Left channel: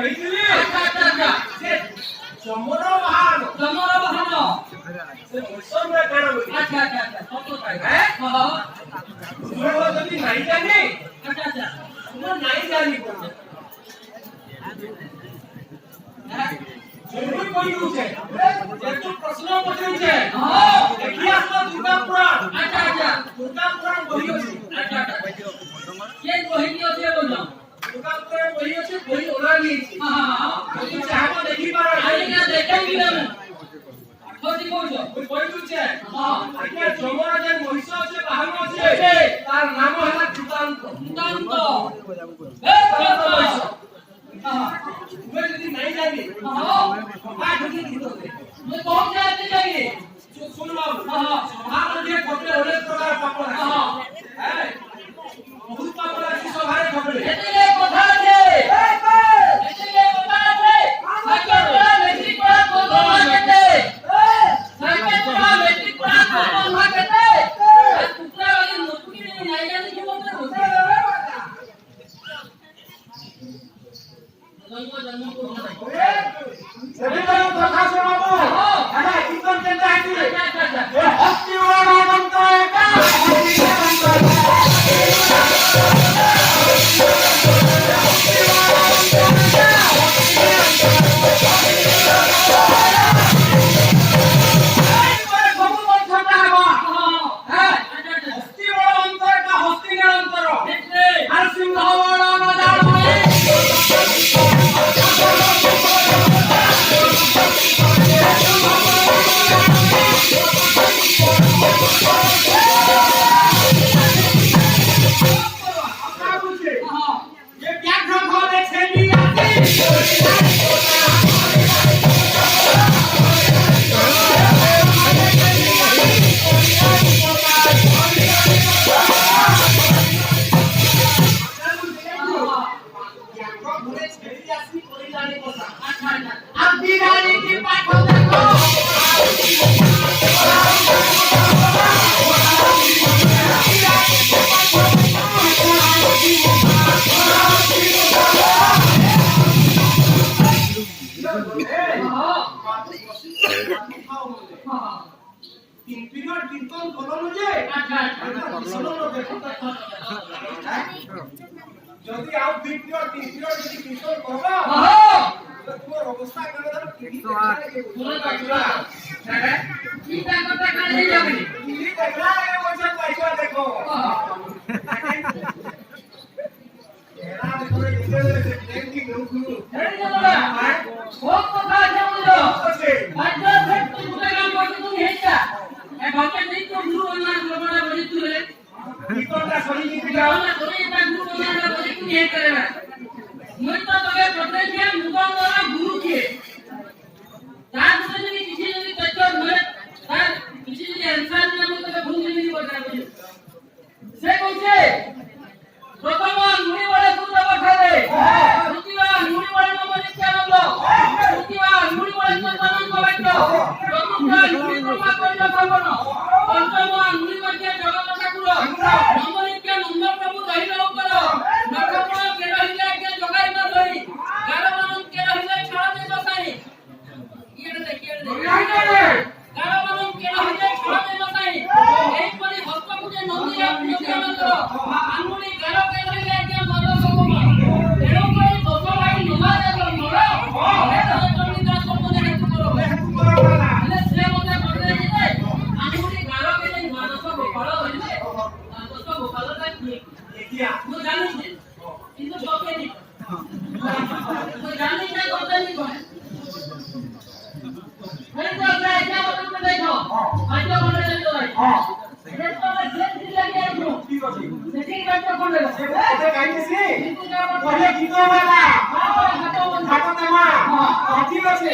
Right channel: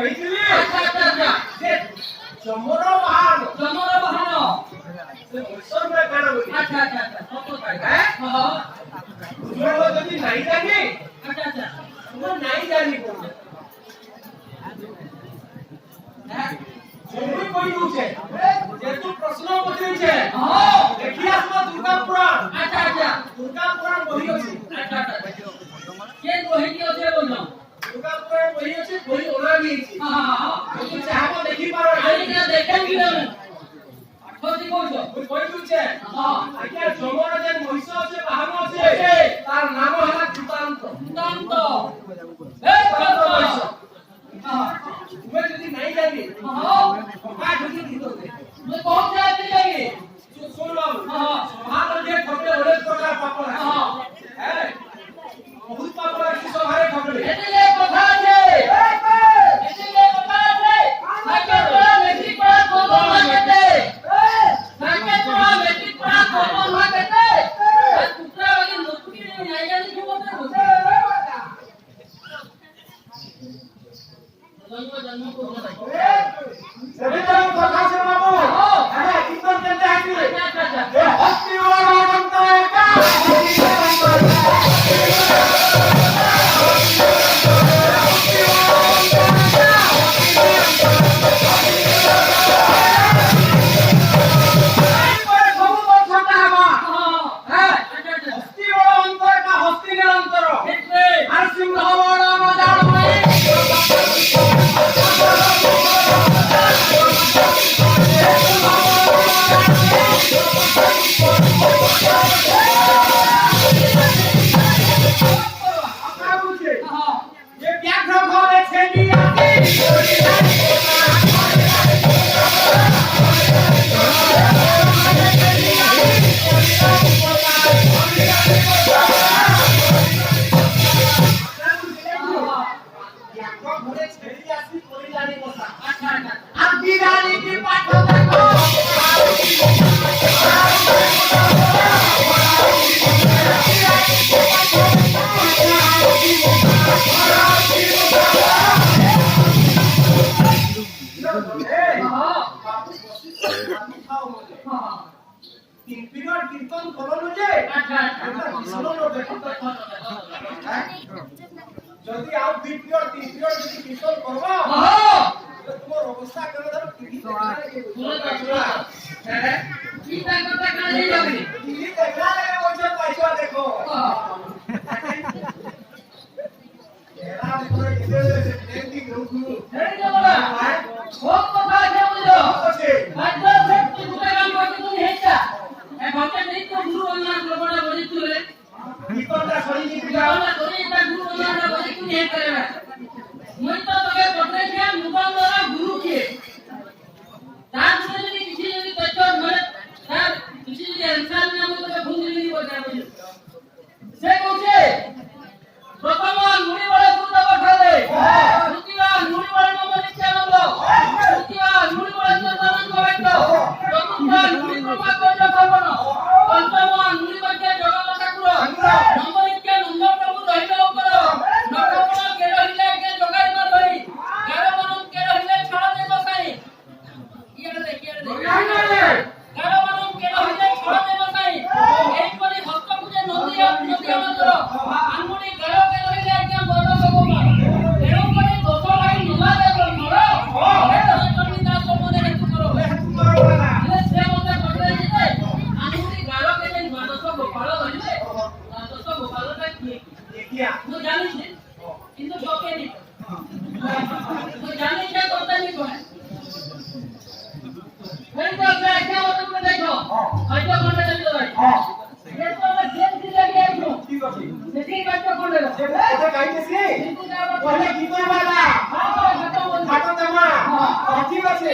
କହିଥିଲି ସେ ଚମର ବାହାନ ସେ ମୁସଲରେ କାଣ ବୋଲି ଯଦି ନାଇଁ ଜାଣି ନାଇଁ ଜାଣି जरूर कोई पूछे जेतु प्रश्न पछुचे देखि आसलो दुर्गा पुराण दुर्गा पुराण बही अछि के बही की अछि बोलनो दुर्गा पुराण बही अछि बही ओरा नी यदि चाहबो देखि पारो आइना देखम कि हम खोजी कोइलो कोइ पूछे आज्ञा जमर जे महिष अछि बाहर अछि तार नाम हला कृतांत ए महिष मैं यदि नहीं जाएंगे मैं ढूंढी नहीं दोगे मैं कौन जाते जाएंगे सुन लो हां मुझे खपड़े ओले प्रकार पापड़ है बहुत पापड़ की सभारे खपड़े एतिले कथा আছে एतिले कथा আছে साइकेल पड़ा मैट्रिक पड़ा कोन मार्केटे साइकेल पड़ा मैट्रिक पड़ा कोन मार्केटे कुत्रा वाली नोटकी नहीं जाने क्यों बोलते हो जन्म को सभी लोग कथा से बाबू अरे कीर्तन करते हैं कि ये हस्ती वाला बनता है क्या जल्दी आओ वीडियो टीवीओ जल्दी किशोर करवा तो तोर अवस्था करे तो 108 है ठीक है कथा कर ले जाबी ठीक देखला रे मुझे पैसा देखो एरा देखो इधर से ट्रेन की ग्रुप हे जबड़ा बहुत कथा है मुझे अच्छा से तू मुझे काम करते तू हेचा ए घंटे नहीं तो गुरु online लोगों बड़ी तू रे कीर्तनটা সরি নিতে যাও না তোরে এটা গুরু বলাটা বলি কি হে করেবা মই তো তোকে পড়তে যে মুগলরা গুরু কে তার যদি কিছু যদি তথ্য ধরে তার কিছু যদি आंसर না আমি তোকে ভুল জিনিস বলতে সে কইছে প্রথম মুড়ি বড় গুরু বঠালে দ্বিতীয় মুড়ি বড় নম নিত্যানন্দ তৃতীয় মুড়ি বড় চন্দ্রানন্দ বাইত চতুর্থ মুড়ি ব্রহ্মা কইল শ্রবণ পঞ্চম মুড়ি বড় জগন্নাথ ঠাকুর নবনীতে নন্দ প্রভু রহিল উপর নবমন কে রহিলে কে জগাই ন ধরি গারমন কে রহিলে ছড়া দে বসাই ইয়েটা দে গারমন কে রহিলে ছড়া দে বসাই এই পরি ভক্ত পূজে নন্দী নন্দীনন্দ আঙ্গুলি গারো কে রহিলে কে বড় ভগবান এরো করে দোষ ভাই নিমা দে মোর এটা তুমি দাস সম্বন্ধে হেতু করো মানে সে মতে বড় দিতে আঙ্গুলি গারো কে নেই মানস গোপাল রহিলে দোষ গোপাল কা কি কিয়া মু জানি যে কিন্তু তোকে নি মু জানি যে তোকে নি কোন এই তো আমরা এটা বলতে দেখো আজকে মনে লাগি তো ভাই এই তো আমরা জেন দি লাগি আইছো কি করবি দেখি বাচ্চা কোন রে এটা গাইতেছি কিন্তু ওহে গীত বালা হাটো তেমা ঠিক আছে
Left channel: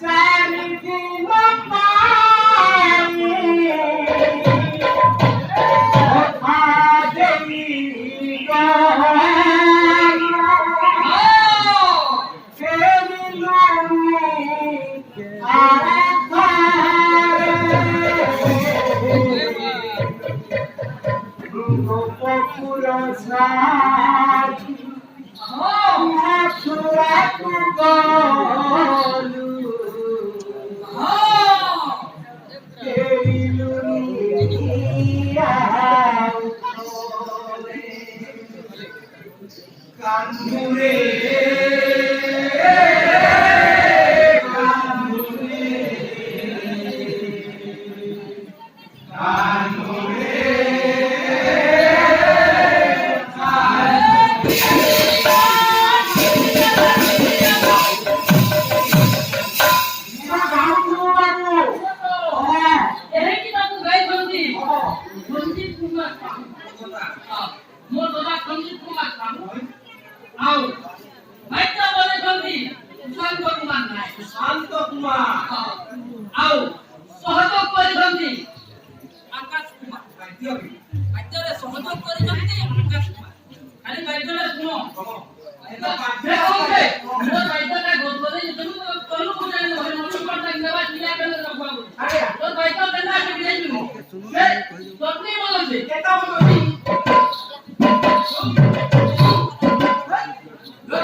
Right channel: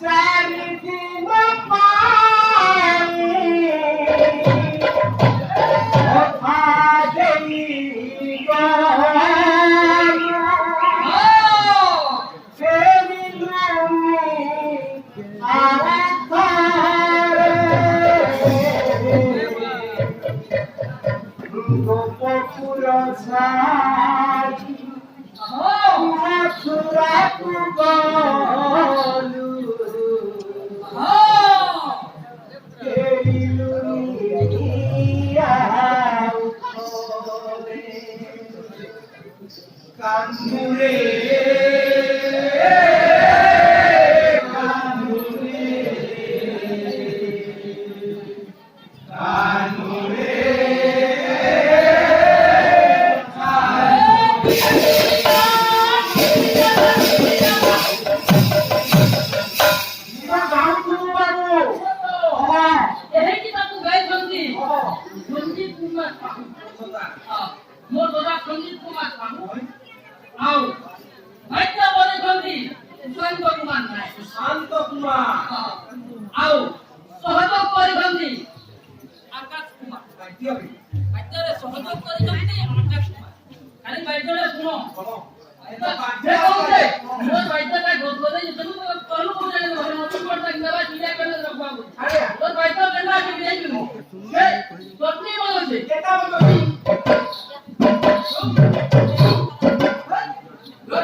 চারি দিন পানি ওঠা দেই सुराकु गलु केरिलु कांदुरे मोर बाबा संजीव कुमार आओ भाईता बोले जल्दी शांत कुमार নাই শান্ত কুমার आओ সহযোগ করে জলদি আকাশ কুমার ভাইতারে সহযোগ করে জলদি আকাশ কুমার আরে ভাইতারে শুনো এটা দেখো যে মোর ভাইতাটা গোদলে তুমি কলু বুঝাই না ঘরে মত করতে নেবা চিলা করে রাখবা আরে তোর ভাইতা কেন আসে বিলাই তুমি এই সত্যি বলছে কেটা বলছি Lo